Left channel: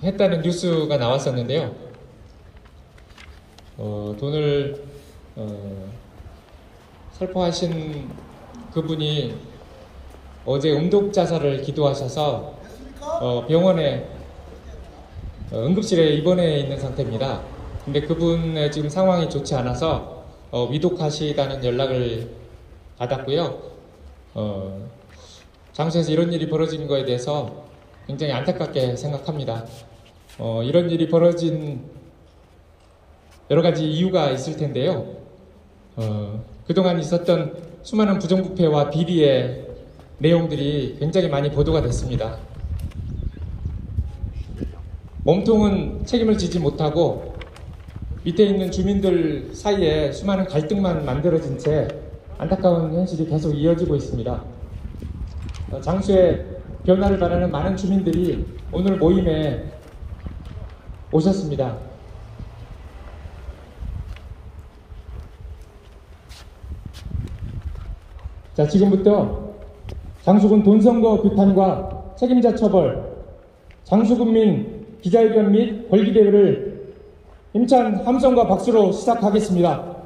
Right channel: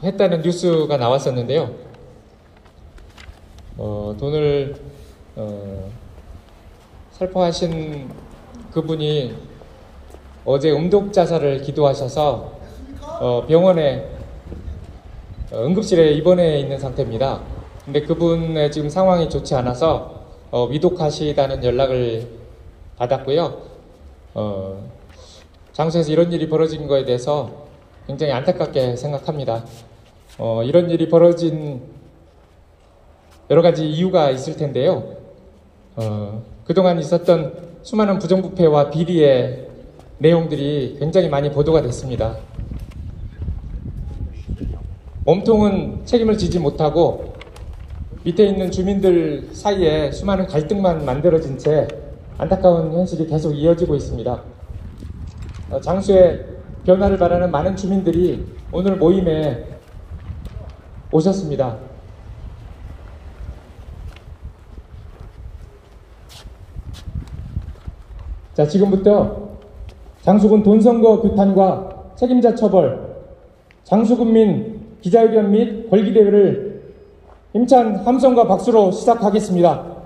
살포했다는 뉴스가 나왔었는데요. 돈을 살포하신 그분이 어제 음독자살을 기도하셔서 병원에 응급실에 입원해 있는 상태입니다. 근데 그분의 지금 상황이 좋지 않아서 위독하시다는 연락을 받았고요. 장소에서 이런 일이 벌어진 거에 대해서 굉장히 안타깝게 생각합니다. 이런 일이 벌어진 여러 가지 이유가 있을 텐데요. 그동안 있었던 수많은 부정부패와 비리의 내용들이 굉장히 많이 보도가 됐습니다. 몸통은 책임을 지지 못하고 밑에 있는 주민들 사이에 수많은 갈등만 만들어진 채 안타까운 현실이 계속 이어지고 있습니다. 장수의 변화를 바라는 많은 주민들이 오늘 모임에 오셨습니다. 자, 지금부터 장수군 돈선거 규탄과 책임자 처벌, 장수군민 기자회견 및 권리대회를 힘찬 함성과 박수로 시작하겠습니다.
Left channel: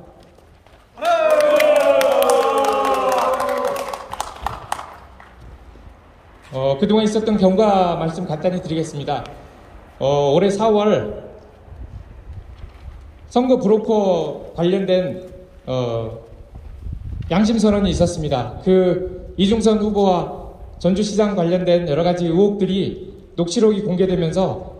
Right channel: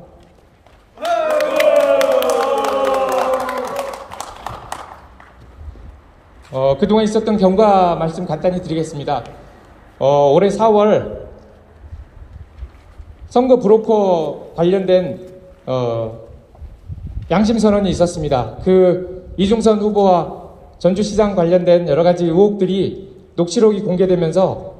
그동안 있었던 경과 말씀 간단히 드리겠습니다. 올해 4월 선거 브로커 관련된 양심선언이 있었습니다. 이중선 후보와 전주시장 관련된 여러 가지 의혹들이 녹취록이 공개되면서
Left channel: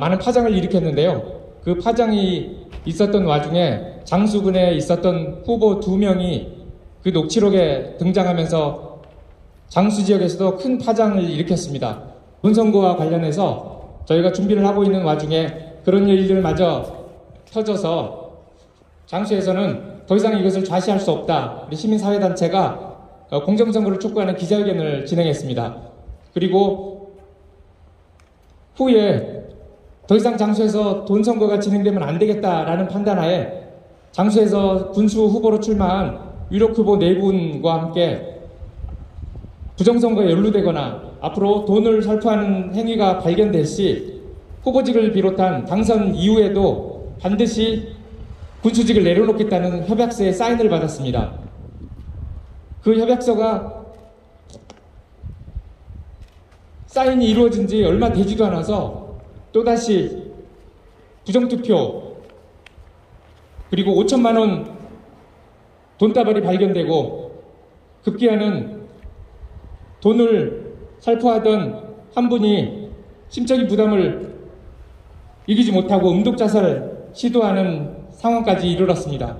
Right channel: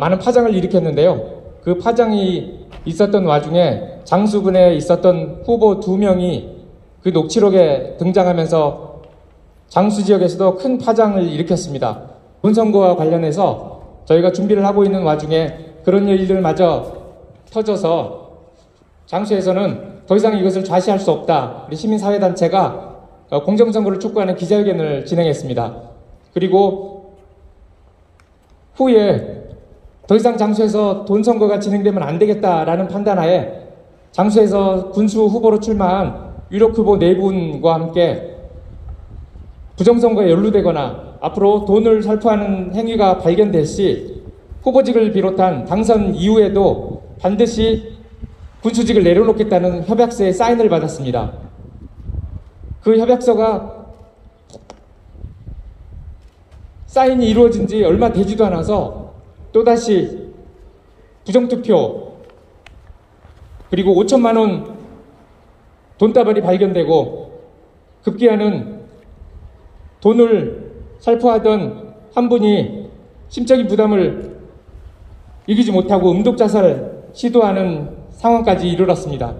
많은 파장을 일으켰는데요. 그 파장이 있었던 와중에 장수군에 있었던 후보 2명이 그 녹취록에 등장하면서 장수 지역에서도 큰 파장을 일으켰습니다. 본선거와 관련해서 저희가 준비를 하고 있는 와중에 그런 일들마저 터져서 장수에서는 더 이상 이것을 좌시할 수 없다. 우리 시민사회단체가 공정선거를 촉구하는 기자회견을 진행했습니다. 그리고 후에 더 이상 장수에서 돈선거가 진행되면 안 되겠다라는 판단하에 장수에서 군수 후보로 출마한 유력 후보 4분과 함께 부정선거에 연루되거나 앞으로 돈을 살포하는 행위가 발견될 시 후보직을 비롯한 당선 이후에도 반드시 군수직을 내려놓겠다는 협약서에 사인을 받았습니다. 그 협약서가 사인이 이루어진 지 얼마 되지도 않아서 또다시 부정투표 그리고 5천만 원 돈다발이 발견되고 급기야는 돈을 살포하던 한 분이 심적인 부담을 이기지 못하고 음독자살 시도하는 상황까지 이르렀습니다.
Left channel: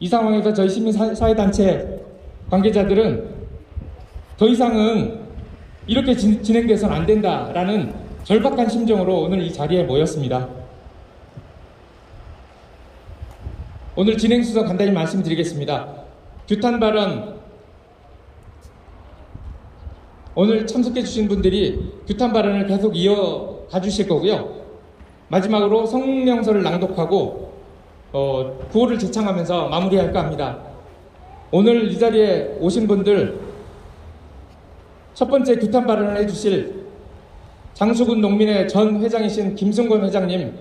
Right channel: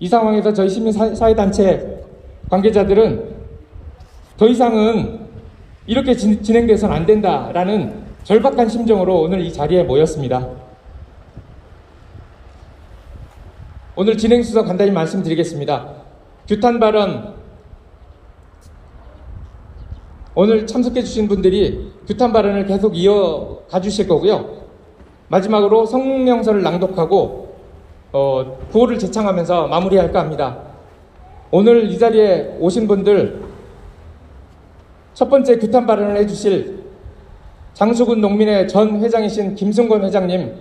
이 상황에서 저희 시민사회단체 관계자들은 더 이상은 이렇게 진행돼서는 안 된다라는 절박한 심정으로 오늘 이 자리에 모였습니다. 오늘 진행순서 간단히 말씀드리겠습니다. 규탄 발언, 오늘 참석해 주신 분들이 규탄 발언을 계속 이어가 주실 거고요. 마지막으로 성명서를 낭독하고 구호를 제창하면서 마무리할까 합니다. 오늘 이 자리에 오신 분들 첫 번째 규탄 발언을 해주실 장수군 농민회 전 회장이신 김승권 회장님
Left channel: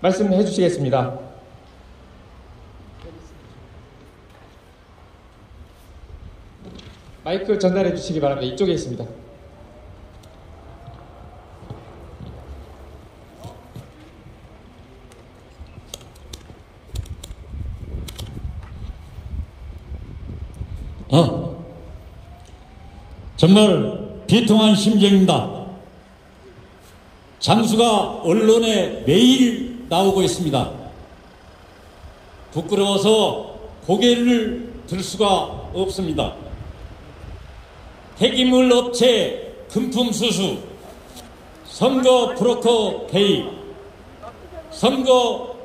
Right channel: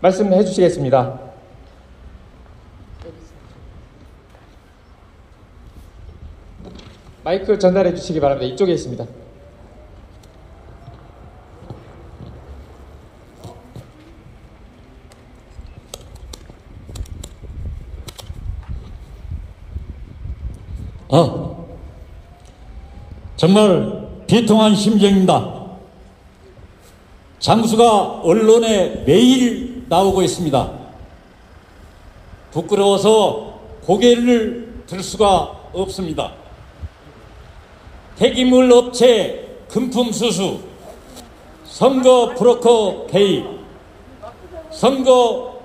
말씀해 주시겠습니다. 마이크 전달해 주시기 바랍니다. 이쪽에 있습니다. 정말 비통한 심정입니다. 장수가 언론에 매일 나오고 있습니다. 부끄러워서 고개를 들 수가 없습니다. 폐기물 업체 금품 수수, 선거 브로커 개입, 선거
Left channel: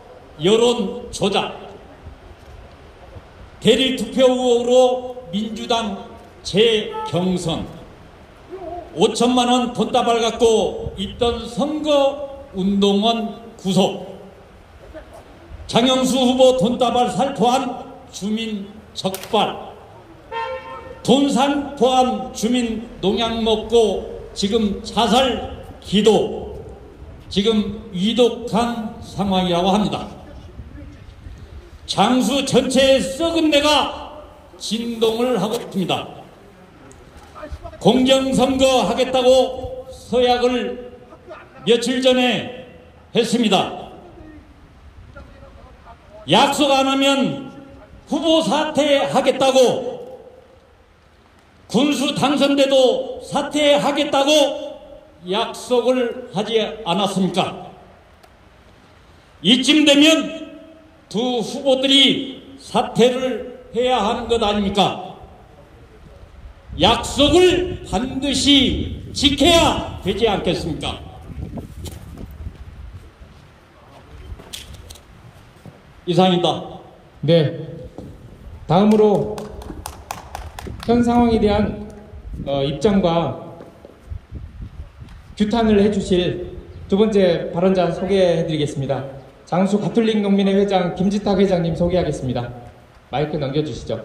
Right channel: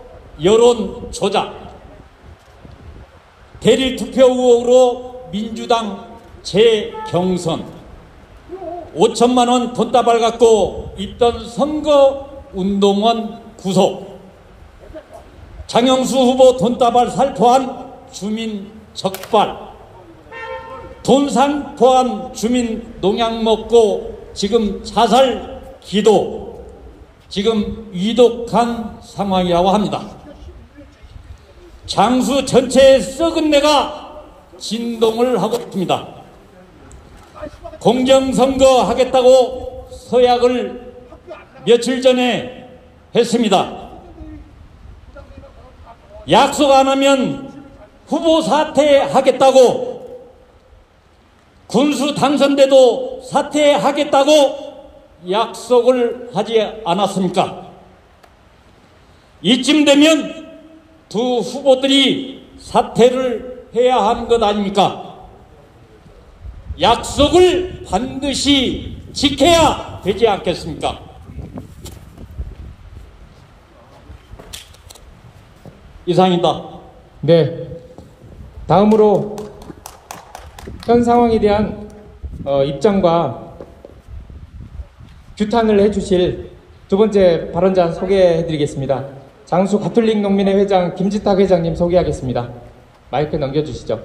여론 조작, 대리 투표 의혹으로 민주당 재경선, 5천만 원 돈다발 갖고 있던 선거운동원 구속, 장영수 후보 돈다발 살포한 주민 적발, 돈 살포한 주민 농약 먹고 지금 자살 기도, 지금 위독한 상황이라고 합니다. 장수 전체의 썩은 내가 진동을 하고 있습니다. 공정선거 하겠다고 서약을 며칠 전에 했습니다. 약속 안 하면 후보 사퇴하겠다고, 군수 당선돼도 사퇴하겠다고 약속을 하지 않았습니까? 이쯤 되면 두 후보들이 사퇴를 해야 하는 것 아닙니까? 약속을 반드시 지켜야 되지 않겠습니까? 이상입니다. 네. 다음으로 현 상황에 대한 입장과 규탄을 해주실 두 번째 발언자 소개해드리겠습니다. 장수 가톨릭 농민회 회장 김지탁 회장님 소개하겠습니다. 마이크 넘겨주시죠.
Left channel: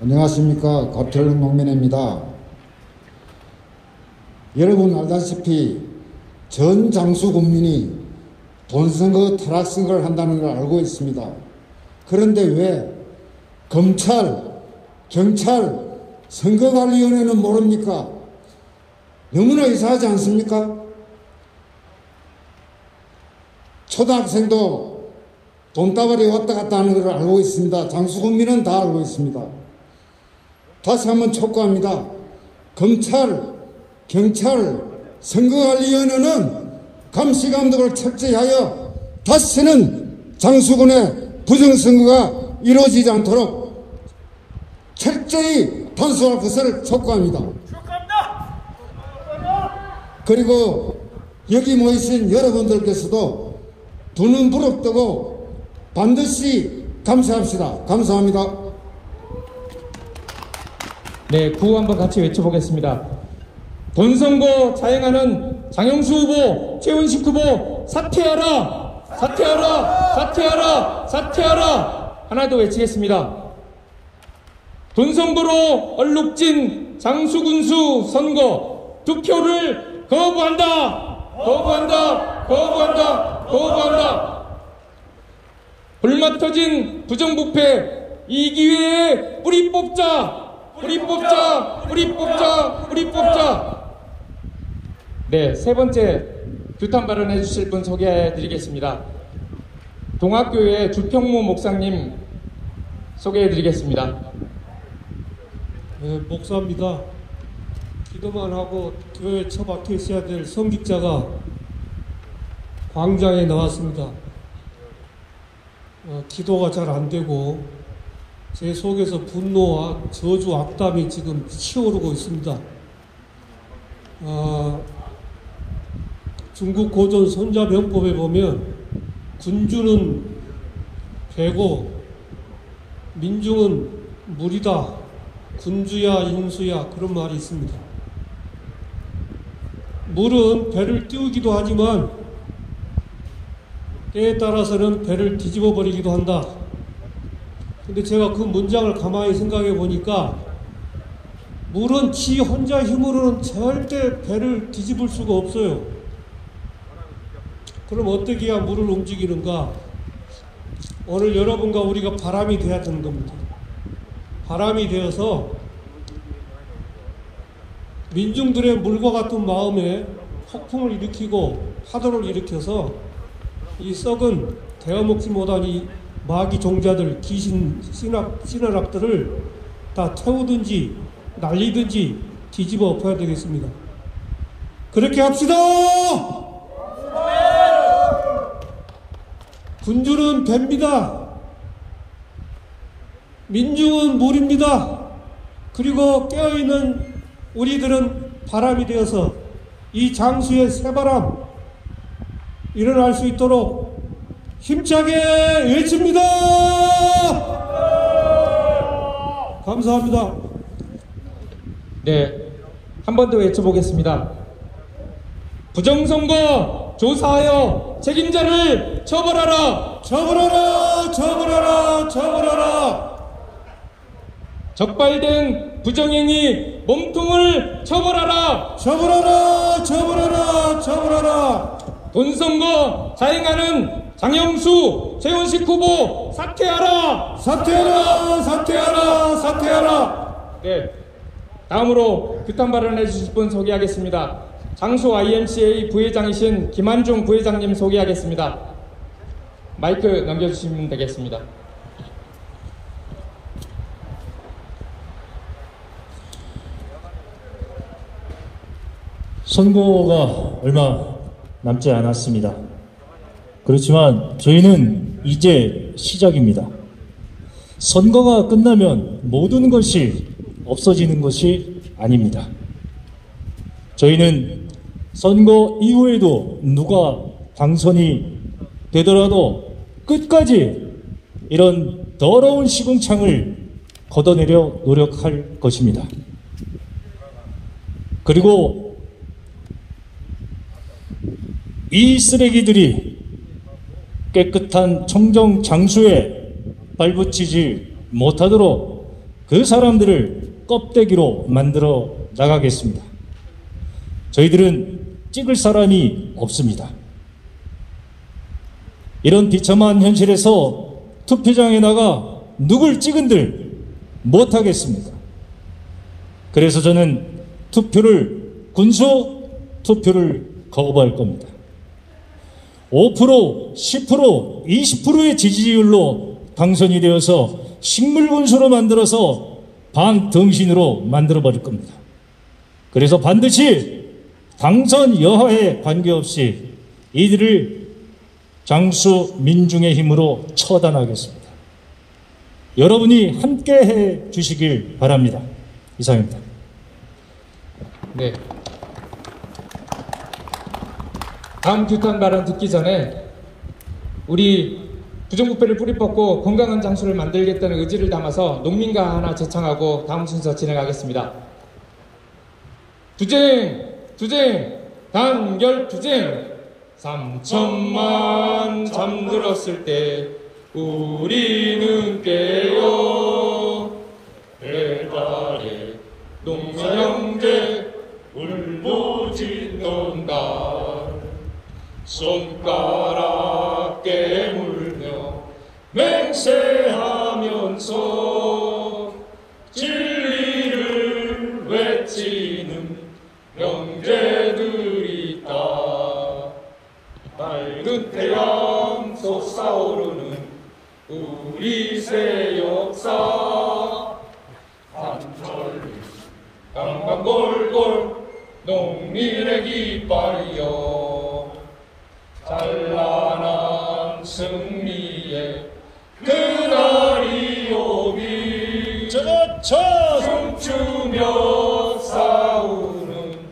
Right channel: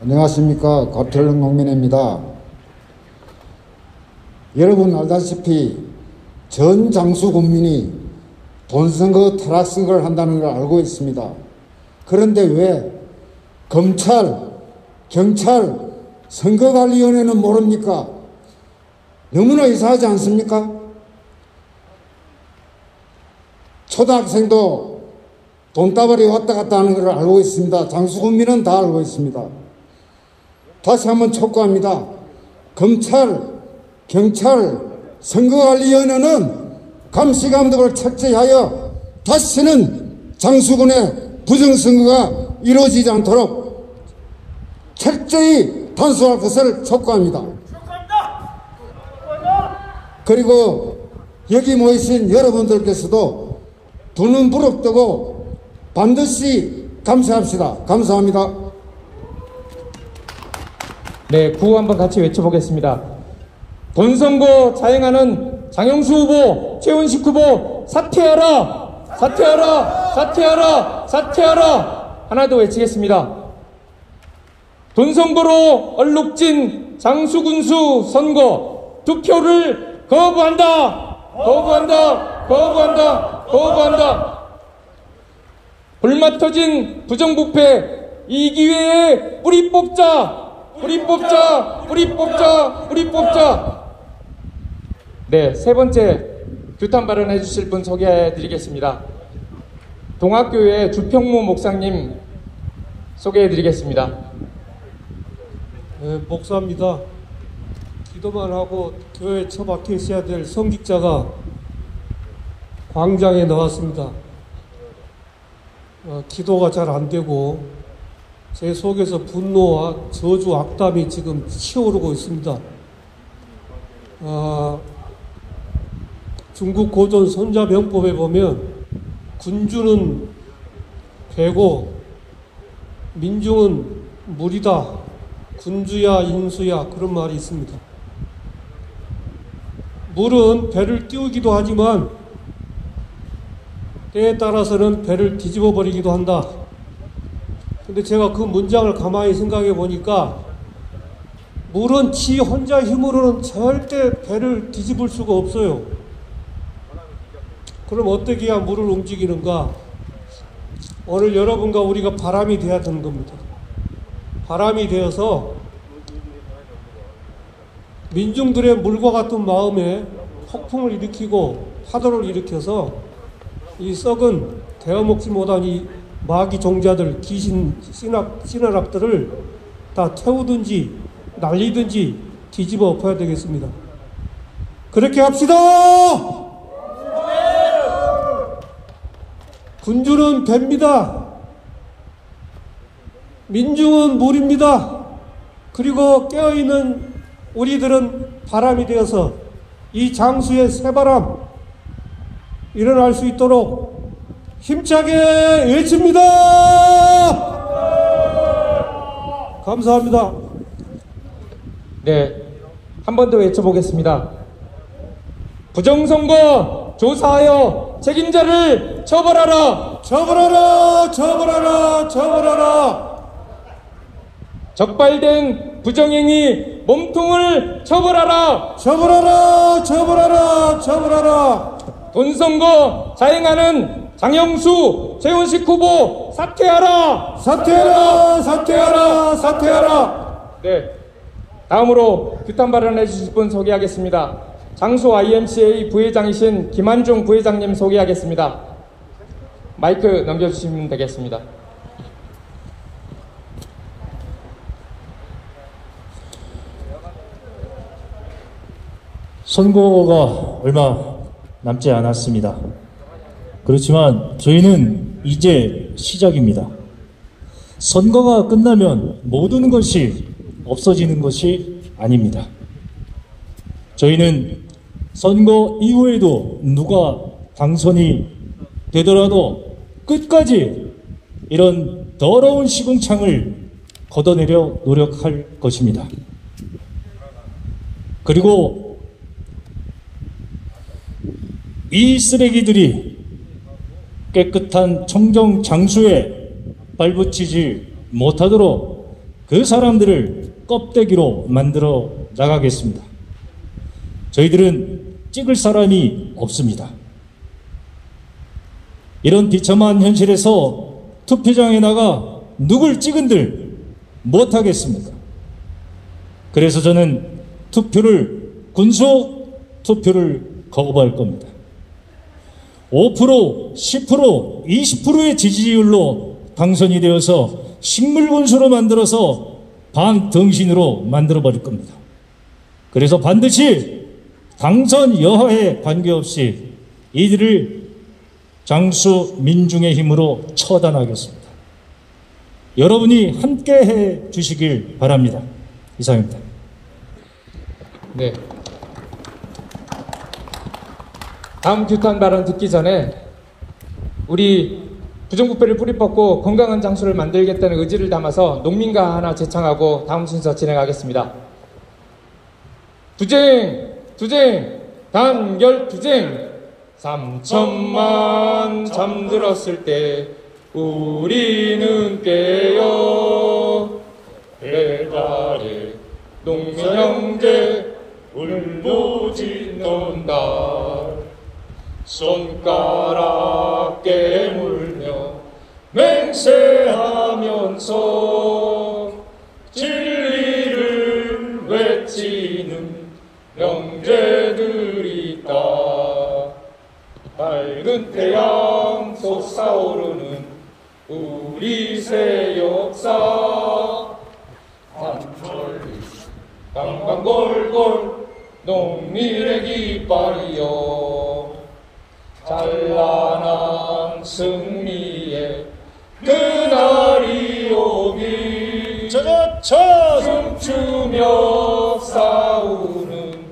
안녕하십니까. 가톨릭 농민회입니다. 여러분 알다시피 전 장수 국민이 돈선거, 타락선거를 한다는 걸 알고 있습니다. 그런데 왜 검찰, 경찰, 선거관리위원회는 모릅니까? 너무나 이상하지 않습니까? 초등학생도 돈다발이 왔다 갔다 하는 걸 알고 있습니다. 장수 국민은 다 알고 있습니다. 다시 한번 촉구합니다. 검찰, 경찰, 선거관리위원회는 감시감독을 철저히하여 다시는 장수군의 부정선거가 이루어지지 않도록 철저히 단속할 것을 촉구합니다. 그리고 여기 모이신 여러분들께서도 두 눈 부릅뜨고 반드시 감시합시다. 감사합니다. 네, 구호 한번 같이 외쳐보겠습니다. 돈선거 자행하는 장영수 후보, 최훈식 후보 사퇴하라! 사퇴하라! 사퇴하라! 사퇴하라! 하나 더 외치겠습니다. 돈선거로 얼룩진 장수군수 선거 투표를 거부한다! 거부한다! 거부한다! 거부한다! 불맛 터진 부정부패 이 기회에 뿌리 뽑자! 뿌리 뽑자! 뿌리 뽑자! 뿌리 뽑자! 네, 세 번째 규탄 발언해 주실 분 소개해 드리겠습니다. 동학교회 주평무 목사님 소개해 드리겠습니다. 네, 목사입니다. 기도만 하고 교회에 처박혀 있어야 될 성직자가 광장에 나왔습니다. 기도가 잘 안 되고 제 속에서 분노와 저주, 악담이 지금 치오르고 있습니다. 중국 고전 손자병법에 보면 군주는 배고 민중은 물이다. 군주야 인수야 그런 말이 있습니다. 물은 배를 띄우기도 하지만 때에 따라서는 배를 뒤집어 버리기도 한다. 근데 제가 그 문장을 가만히 생각해 보니까 물은 지 혼자 힘으로는 절대 배를 뒤집을 수가 없어요. 그럼 어떻게 해야 물을 움직이는가? 오늘 여러분과 우리가 바람이 돼야 되는 겁니다. 바람이 되어서 민중들의 물과 같은 마음에 폭풍을 일으키고 파도를 일으켜서 이 썩은 대어먹지 못한 이 마귀 종자들, 귀신, 씨나락들을 다 태우든지 날리든지 뒤집어 엎어야 되겠습니다. 그렇게 합시다! 군주는 배입니다. 민중은 물입니다. 그리고 깨어있는 우리들은 바람이 되어서 이 장수의 새바람 일어날 수 있도록 힘차게 외칩니다. 감사합니다. 네, 한 번 더 외쳐보겠습니다. 부정선거 조사하여 책임자를 처벌하라! 처벌하라! 처벌하라! 처벌하라! 적발된 부정행위 몸통을 처벌하라! 처벌하라! 처벌하라! 처벌하라! 돈선거 자행하는 장영수, 최원식 후보 사퇴하라! 사퇴하라! 사퇴하라! 사퇴하라! 네. 다음으로 규탄 발언해 주실 분 소개하겠습니다. 장소 IMCA 부회장이신 김한중 부회장님 소개하겠습니다. 마이크 넘겨주시면 되겠습니다. 선거가 얼마 남지 않았습니다. 그렇지만 저희는 이제 시작입니다. 선거가 끝나면 모든 것이 없어지는 것이 아닙니다. 저희는 선거 이후에도 누가 당선이 되더라도 끝까지 이런 더러운 시궁창을 걷어내려 노력할 것입니다. 그리고 이 쓰레기들이 깨끗한 청정 장수에 발붙이지 못하도록 그 사람들을 껍데기로 만들어 나가겠습니다. 저희들은 찍을 사람이 없습니다. 이런 비참한 현실에서 투표장에 나가 누굴 찍은들 못하겠습니까? 그래서 저는 군수 투표를 거부할 겁니다. 5%, 10%, 20%의 지지율로 당선이 되어서 식물군수로 만들어서 반등신으로 만들어버릴 겁니다. 그래서 반드시 당선 여하에 관계없이 이들을 장수 민중의 힘으로 처단하겠습니다. 여러분이 함께해 주시길 바랍니다. 이상입니다. 네. 다음 규탄 발언 듣기 전에 우리 부정부패를 뿌리 뽑고 건강한 장수를 만들겠다는 의지를 담아서 농민가 하나 제창하고 다음 순서 진행하겠습니다. 투쟁, 단결 투쟁. 3천만 잠들었을 때 우리는 깨어 배달에 농선 형제 울부짖는다. 손가락 깨물며 맹세하면서 진리를 외치는 형제들이 있다. 밝은 태양 솟아오르는 우리 새 역사. 한철리 강강골골 농민의 깃발이여 찬란한 승리의 그날이 오기 춤추며 싸우는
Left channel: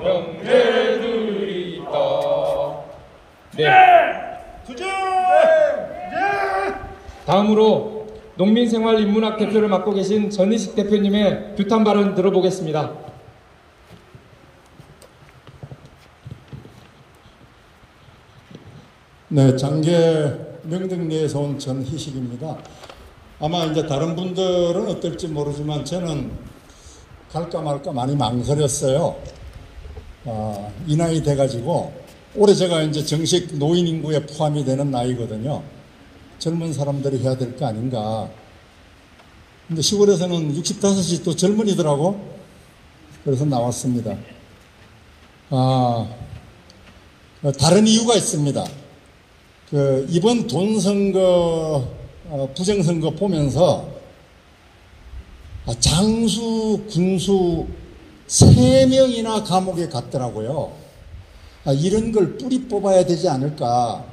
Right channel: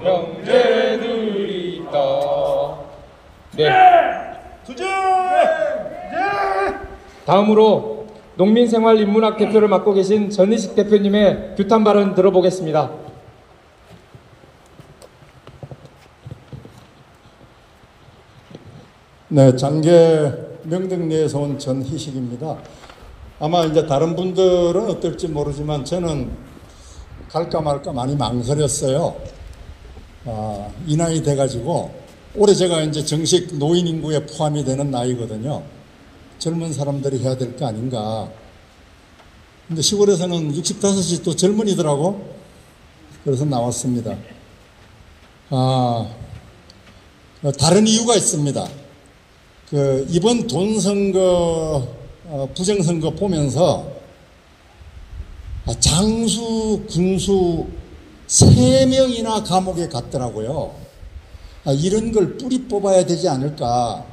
형제들이 있다. 네. 다음으로 농민생활인문학 대표를 맡고 계신 전희식 대표님의 규탄 발언 들어보겠습니다. 네, 장계 명등리에서 온 전희식입니다. 아마 이제 다른 분들은 어떨지 모르지만 저는 갈까 말까 많이 망설였어요. 이 나이 돼가지고 올해 제가 이제 정식 노인 인구에 포함이 되는 나이거든요. 젊은 사람들이 해야 될 거 아닌가. 근데 시골에서는 65이 또 젊은이더라고. 그래서 나왔습니다. 다른 이유가 있습니다. 이번 돈선거, 부정선거 보면서 장수, 군수 3명이나 감옥에 갔더라고요. 이런 걸 뿌리 뽑아야 되지 않을까.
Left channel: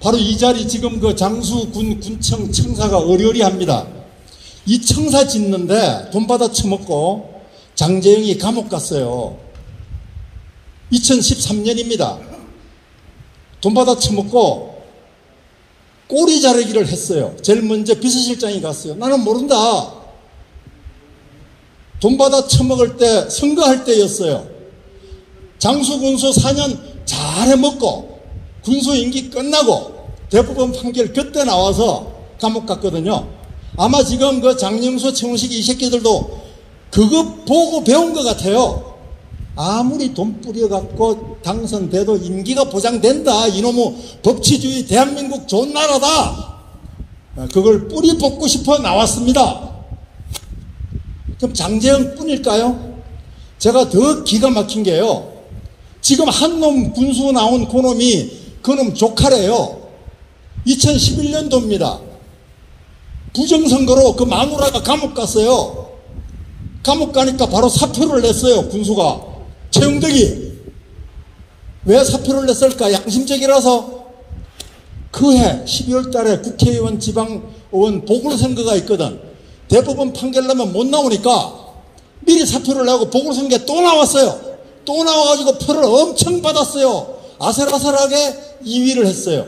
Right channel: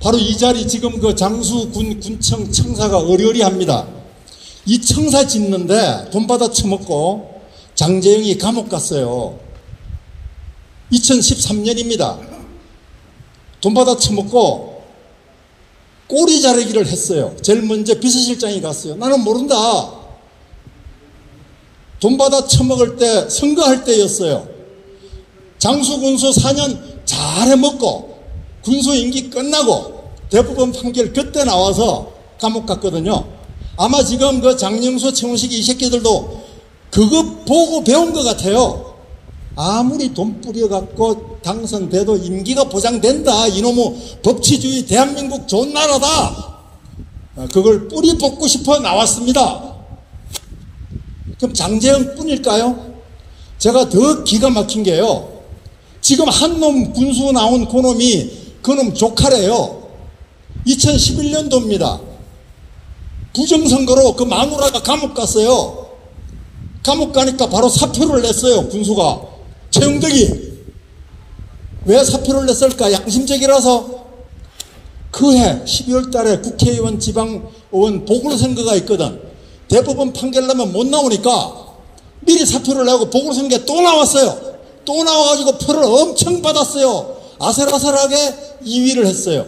바로 이 자리 지금 그 장수, 군청, 청사가 어리어리합니다. 이 청사 짓는데 돈 받아 처먹고 장제영이 감옥 갔어요. 2013년입니다. 돈 받아 처먹고 꼬리 자르기를 했어요. 제일 먼저 비서실장이 갔어요. 나는 모른다. 돈 받아 처먹을 때 선거할 때였어요. 장수 군수 4년 잘 해먹고 군수 임기 끝나고 대법원 판결 그때 나와서 감옥 갔거든요. 아마 지금 그 장영수, 최훈식 이 새끼들도 그거 보고 배운 것 같아요. 아무리 돈 뿌려갖고 당선돼도 임기가 보장된다. 이놈의 법치주의 대한민국 좋은 나라다. 그걸 뿌리 뽑고 싶어 나왔습니다. 그럼 장제영 뿐일까요? 제가 더 기가 막힌 게요. 지금 한 놈 군수 나온 그놈이 그놈 조카래요. 2011년도입니다. 부정선거로 그 마누라가 감옥 갔어요. 감옥 가니까 바로 사표를 냈어요. 군수가. 최영덕이. 왜 사표를 냈을까? 양심적이라서. 그해 12월 달에 국회의원 지방의원 보궐선거가 있거든. 대법원 판결 나면 못 나오니까 미리 사표를 내고 보궐선거에 또 나왔어요. 또 나와가지고 표를 엄청 받았어요. 아슬아슬하게 2위를 했어요.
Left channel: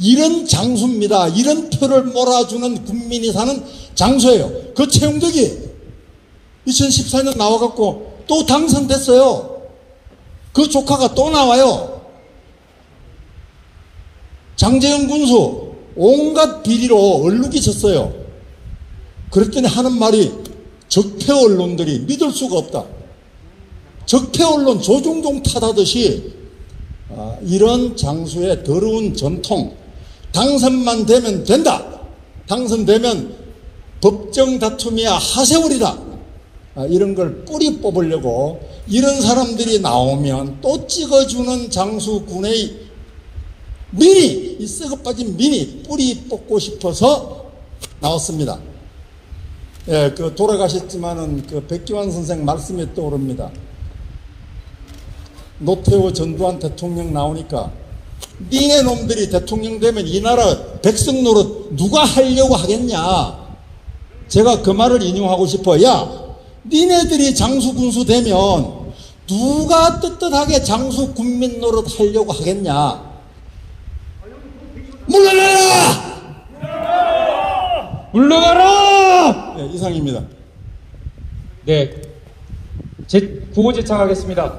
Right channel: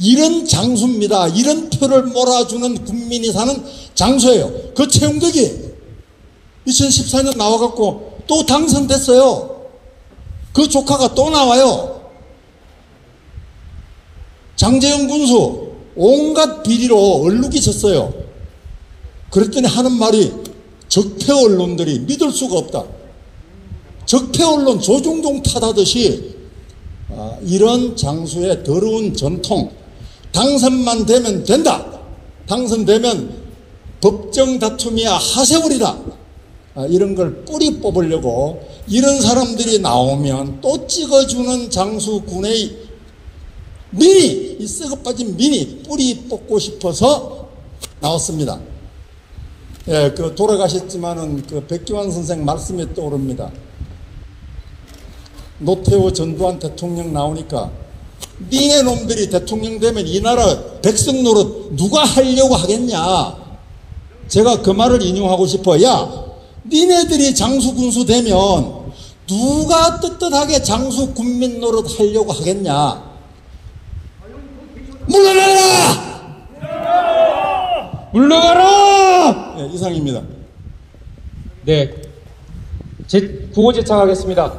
이런 장수입니다. 이런 표를 몰아주는 국민이 사는 장수예요. 그 최영덕이 2014년 나와갖고 또 당선됐어요. 그 조카가 또 나와요. 장제영 군수 온갖 비리로 얼룩이 졌어요. 그랬더니 하는 말이 적폐 언론들이 믿을 수가 없다. 적폐 언론 조중동 탓하듯이 이런 장수의 더러운 전통, 당선만 되면 된다. 당선되면 법정 다툼이야 하세월이다. 이런 걸 뿌리 뽑으려고 이런 사람들이 나오면 또 찍어주는 장수군의 미니, 이 썩어 빠진 미니 뿌리 뽑고 싶어서 나왔습니다. 예, 그 돌아가셨지만은 그 백기환 선생 말씀이 떠오릅니다. 노태우 전두환 대통령 나오니까 니네 놈들이 대통령 되면 이 나라 백성 노릇 누가 하려고 하겠냐. 제가 그 말을 인용하고 싶어. 야, 니네들이 장수 군수 되면 누가 떳떳하게 장수 군민 노릇 하려고 하겠냐. 물러나라! 물러나라! 네, 이상입니다. 네, 구호 제창하겠습니다.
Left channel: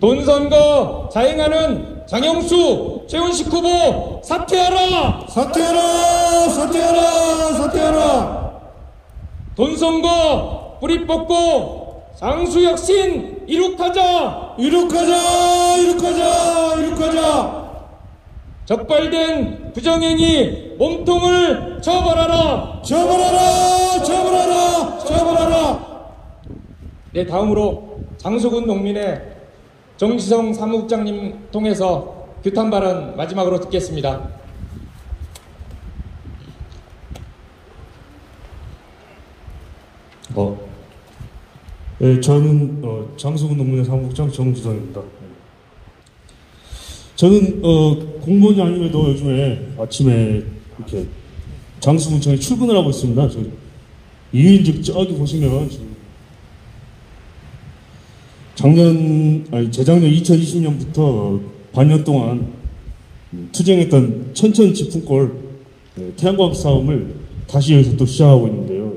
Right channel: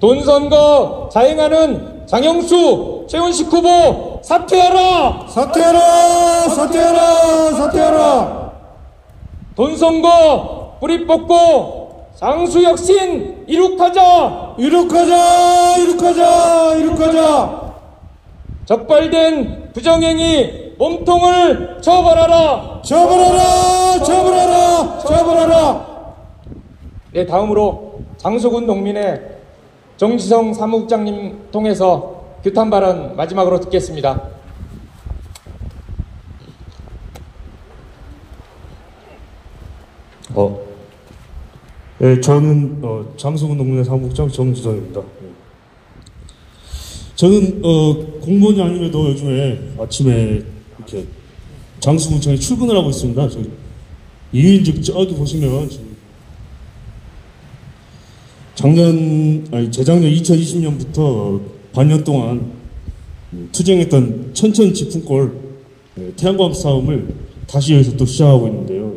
돈선거 자행하는 장영수, 최훈식 후보 사퇴하라! 사퇴하라! 사퇴하라! 사퇴하라! 돈선거 뿌리 뽑고 장수혁신 이룩하자! 이룩하자! 이룩하자! 이룩하자! 적발된 부정행위 몸통을 처벌하라! 처벌하라! 처벌하라! 처벌하라! 네, 다음으로 장수군 농민의 정지성 사무국장님 통해서 규탄 발언 마지막으로 듣겠습니다. 네, 저는 장수군 농민의 사무국장 정지성입니다. 저는 공무원이 아니어도 요즘에 아침에 이렇게 장수군청에 출근을 하고 있습니다. 이인직 저기 보시면 재작년 2020년부터 반년 동안 투쟁했던 천천 지풍골 태양광 싸움을 다시 여기서 또 시작하고 있는데요.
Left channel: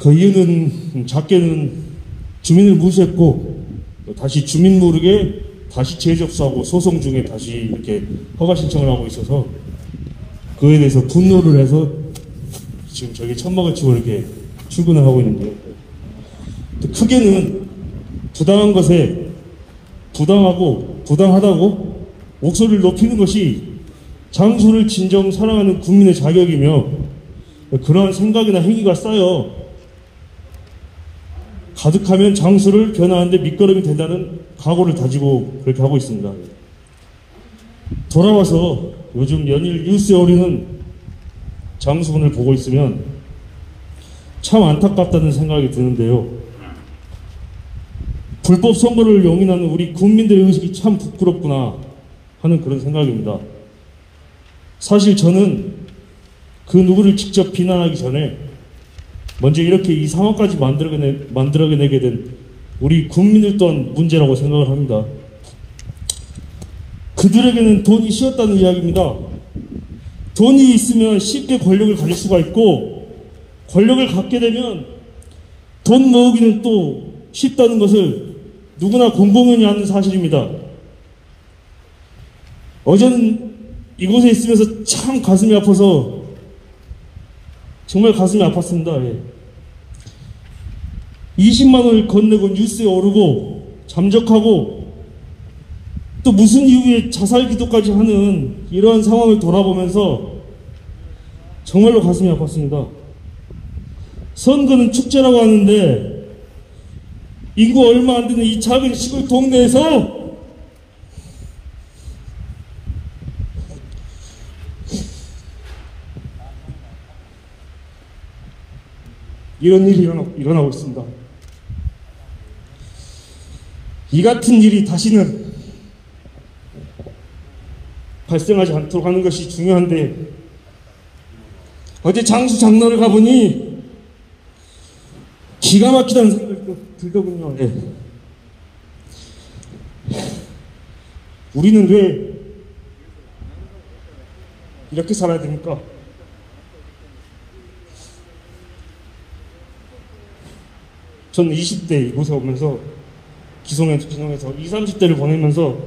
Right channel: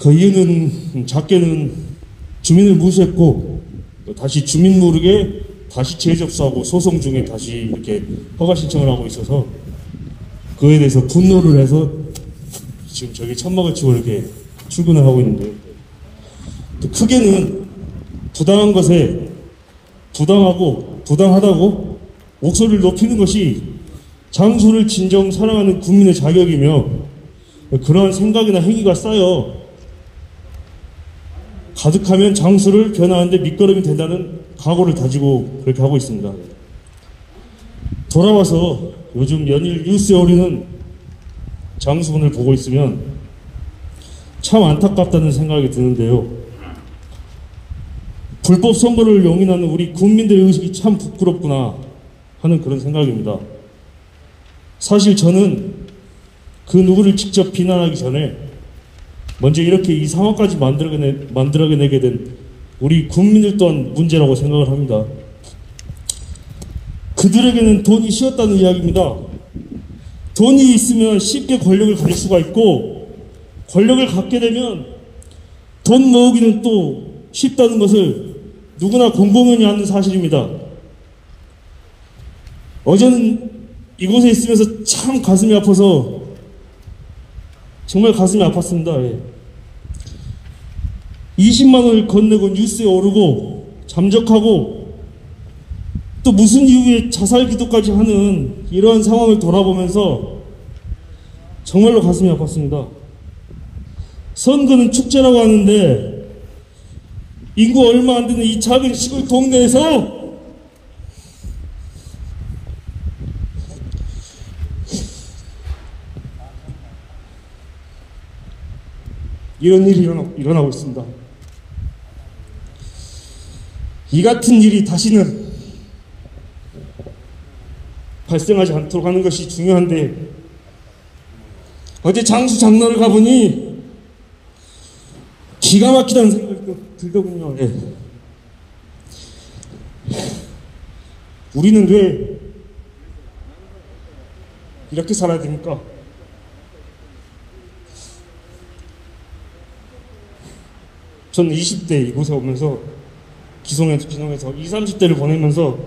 그 이유는 작게는 주민을 무시했고 다시 주민 모르게 다시 재접수하고 소송 중에 다시 이렇게 허가 신청을 하고 있어서 그에 대해서 분노를 해서 지금 저기 천막을 치고 이렇게 출근을 하고 있는데요. 또 크게는 부당한 것에 부당하고 부당하다고 목소리를 높이는 것이 장수를 진정 사랑하는 국민의 자격이며 그러한 생각이나 행위가 쌓여 가득하면 장수를 견하는데 밑거름이 된다는 각오를 다지고 그렇게 하고 있습니다. 돌아와서 요즘 연일 뉴스에 오르는 장수군을 보고 있으면 참 안타깝다는 생각이 드는데요. 불법 선거를 용인하는 우리 국민들의 의식이 참 부끄럽구나 하는 그런 생각입니다. 사실 저는 그 누구를 직접 비난하기 전에 먼저 이렇게 이 상황까지 만들어내게 된 우리 국민들 또한 문제라고 생각을 합니다. 그들에게는 돈이 쉬었다는 이야기입니다. 돈이 있으면 쉽게 권력을 가질 수가 있고 권력을 갖게 되면 돈 모으기는 또 쉽다는 것을 누구나 공공연히 아는 사실입니다. 어제는 이곳에 있으면서 참 가슴이 아파서 정말 가슴이 아팠습니다. 예. 20만 원을 건네고 뉴스에 오르고 잠적하고 또 무슨 이유에 자살 기도까지 하는 이런 상황을 돌아보면서 정말로 가슴이 아팠습니다. 선거는 축제라고 하는데 인구 얼마 안 되는 이 작은 시골 동네에서 이런 일이 일어나고 있습니다. 이 같은 일이 다시는 발생하지 않도록 하는 것이 중요한데 어제 장수 장로를 가보니 기가 막히다는 생각이 들더군요. 예. 우리는 왜 이렇게 살아야 됩니까? 저는 20대 이곳에 오면서 기성에서 20, 30대를 보내면서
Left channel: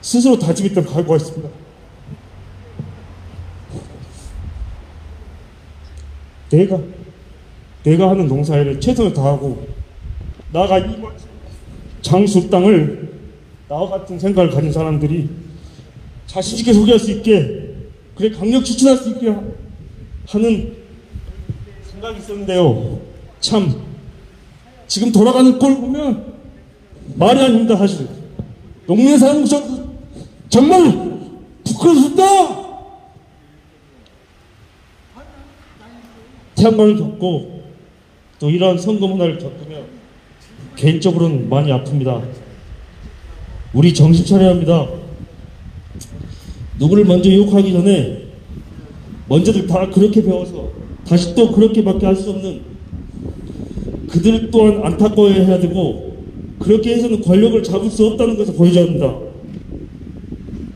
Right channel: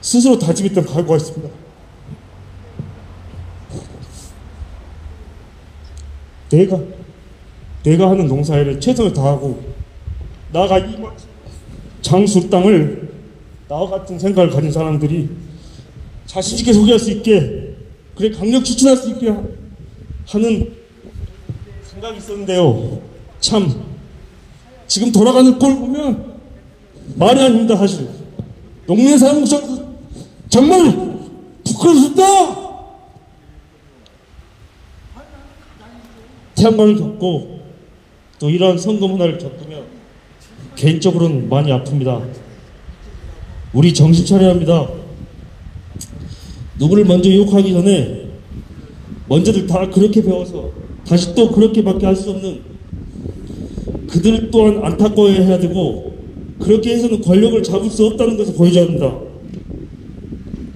스스로 다짐했다고 알고 있습니다. 내가 하는 농사일에 최선을 다하고 나가 이 장수 땅을 나와 같은 생각을 가진 사람들이 자신있게 소개할 수 있게 그래 강력 추진할 수 있게 하는 생각이 있었는데요. 참 지금 돌아가는 꼴 보면 말이 아닙니다. 사실 농민사는 정말 부끄럽습니다. 태양광을 겪고 또 이러한 선거 문화를 겪으면 개인적으로는 많이 아픕니다. 우리 정신 차려야 합니다. 누구를 먼저 욕하기 전에 먼저들 다 그렇게 배워서 다시 또 그렇게밖에 할 수 없는 그들 또한 안타까워해야 되고 그렇게 해서는 권력을 잡을 수 없다는 것을 보여줘야 합니다.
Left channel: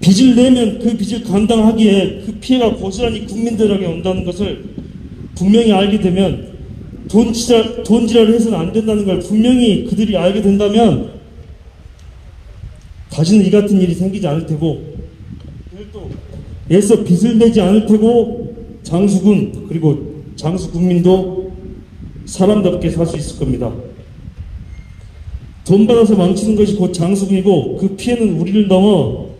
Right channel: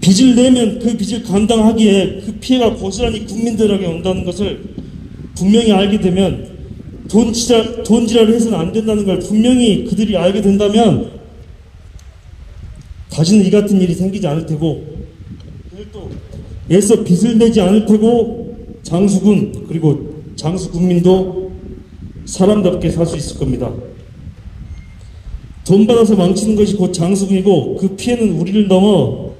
빚을 내면 그 빚을 감당하기에 그 피해가 고스란히 국민들에게 온다는 것을 분명히 알게 되면 돈지랄을 해서는 안 된다는 걸 분명히 그들이 알게 된다면 다시는 이 같은 일이 생기지 않을 테고 또 애써 빚을 내지 않을 테고 장수군 그리고 장수국민도 사람답게 살 수 있을 겁니다. 돈 받아서 망치는 것이 곧 장수군이고 그 피해는 우리를 넘어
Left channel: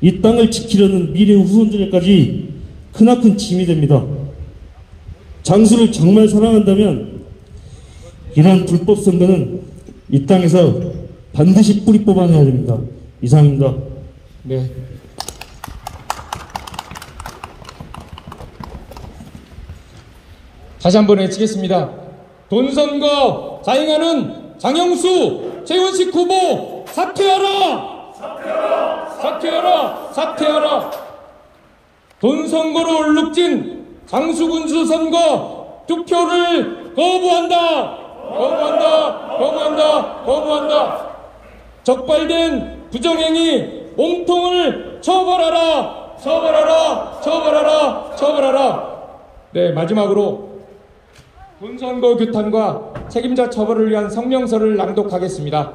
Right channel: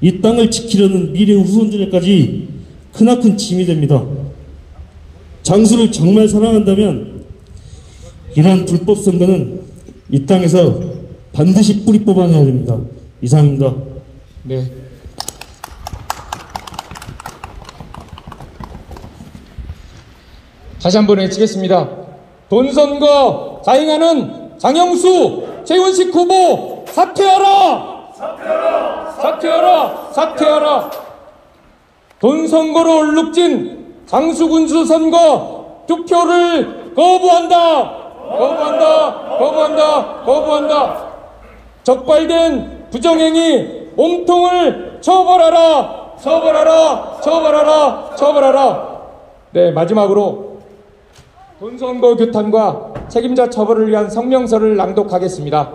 이 땅을 지키려는 미래 후손들에까지 크나큰 짐이 됩니다. 장수를 정말 사랑한다면 이러한 불법 선거는 이 땅에서 반드시 뿌리 뽑아내야 됩니다. 이상입니다. 네. 다시 한번 외치겠습니다. 돈선거 자행하는 장영수, 최훈식 후보 사퇴하라! 사퇴하라! 사퇴하라! 사퇴하라! 돈선거로 얼룩진 장수군수 선거 투표를 거부한다! 거부한다! 거부한다! 거부한다! 적발된 부정행위 몸통을 처벌하라! 처벌하라! 처벌하라! 처벌하라! 네, 마지막으로 돈선거 규탄과 책임자 처벌을 위한 성명서를 낭독하겠습니다.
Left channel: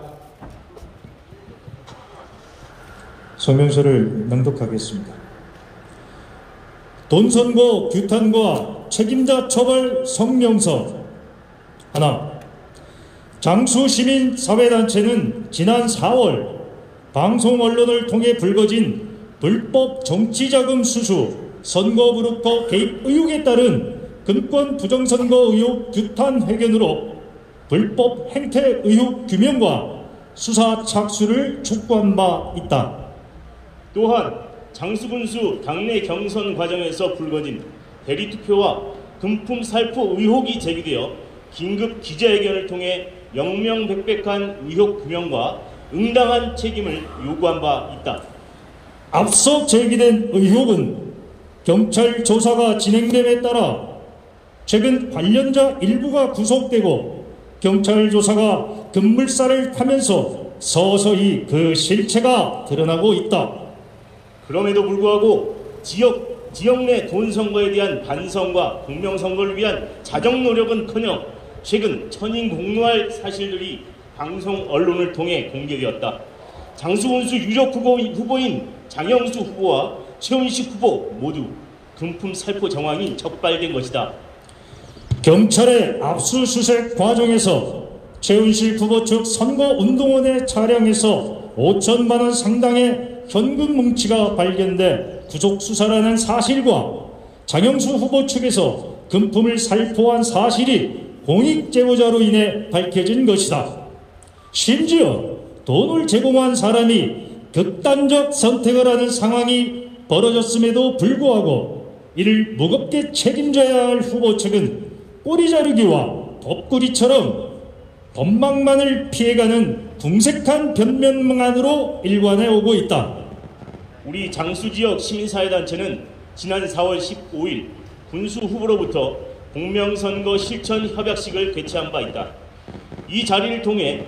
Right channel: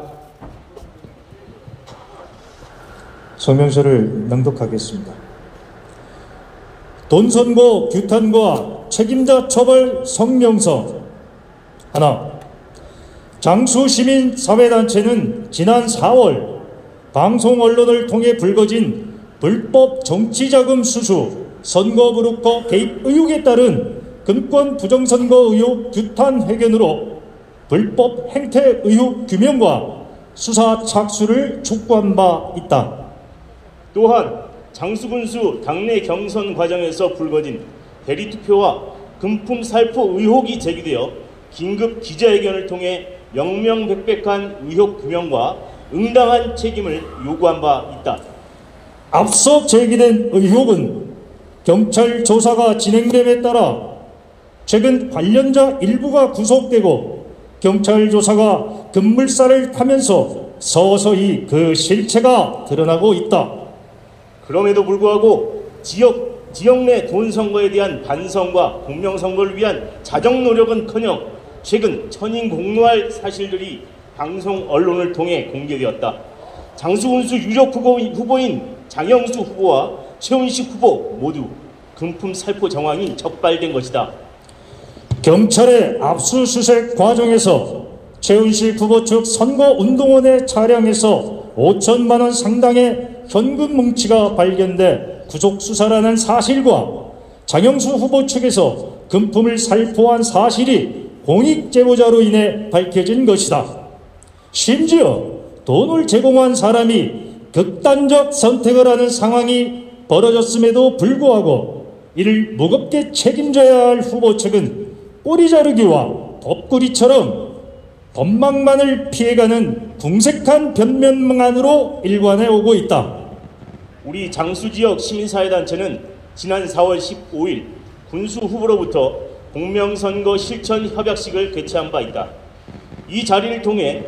성명서를 낭독하겠습니다. 돈선거 규탄과 책임자 처벌 성명서. 하나, 장수시민사회단체는 지난 4월 방송 언론을 통해 불거진 불법 정치자금 수수, 선거 브로커 개입 의혹에 따른 금권 부정선거 의혹 규탄 회견으로 불법 행태 의혹 규명과 수사 착수를 촉구한 바 있다. 또한 장수군수 당내 경선 과정에서 불거진 대리투표와 금품 살포 의혹이 제기되어 긴급 기자회견을 통해 명명백백한 의혹 규명과 응당한 책임을 요구한 바 있다. 앞서 제기된 의혹은 경찰 조사가 진행됨에 따라 최근 관련자 일부가 구속되고 경찰 조사가 급물살을 타면서 서서히 그 실체가 드러나고 있다. 그럼에도 불구하고 지역 내 돈선거에 대한 반성과 공명선거를 위한 자정 노력은커녕 최근 천인공노할 사실들이 방송 언론을 통해 공개되었다. 장수군수 유력 후보인 장영수 후보와 최훈식 후보 모두 금품 살포 정황이 적발된 것이다. 경찰의 압수수색 과정에서 최은실 후보 측 선거운동원의 차량에서 5천만 원 상당의 현금 뭉치가 발견돼 구속 수사라는 사실과 장영수 후보 측에서 금품을 살포한 사실이 공익 제보자로 인해 밝혀진 것이다. 심지어 돈을 제공한 사람이 극단적 선택을 하는 상황이 벌어졌음에도 불구하고 이를 무겁게 책임져야 할 후보 측은 꼬리 자르기와 덮구리처럼 법망만을 피해가는 궁색한 변명만으로 일관해 오고 있다. 우리 장수지역 시민사회단체는 지난 4월 15일 군수 후보로부터 공명선거 실천 협약식을 개최한 바 있다. 이 자리를 통해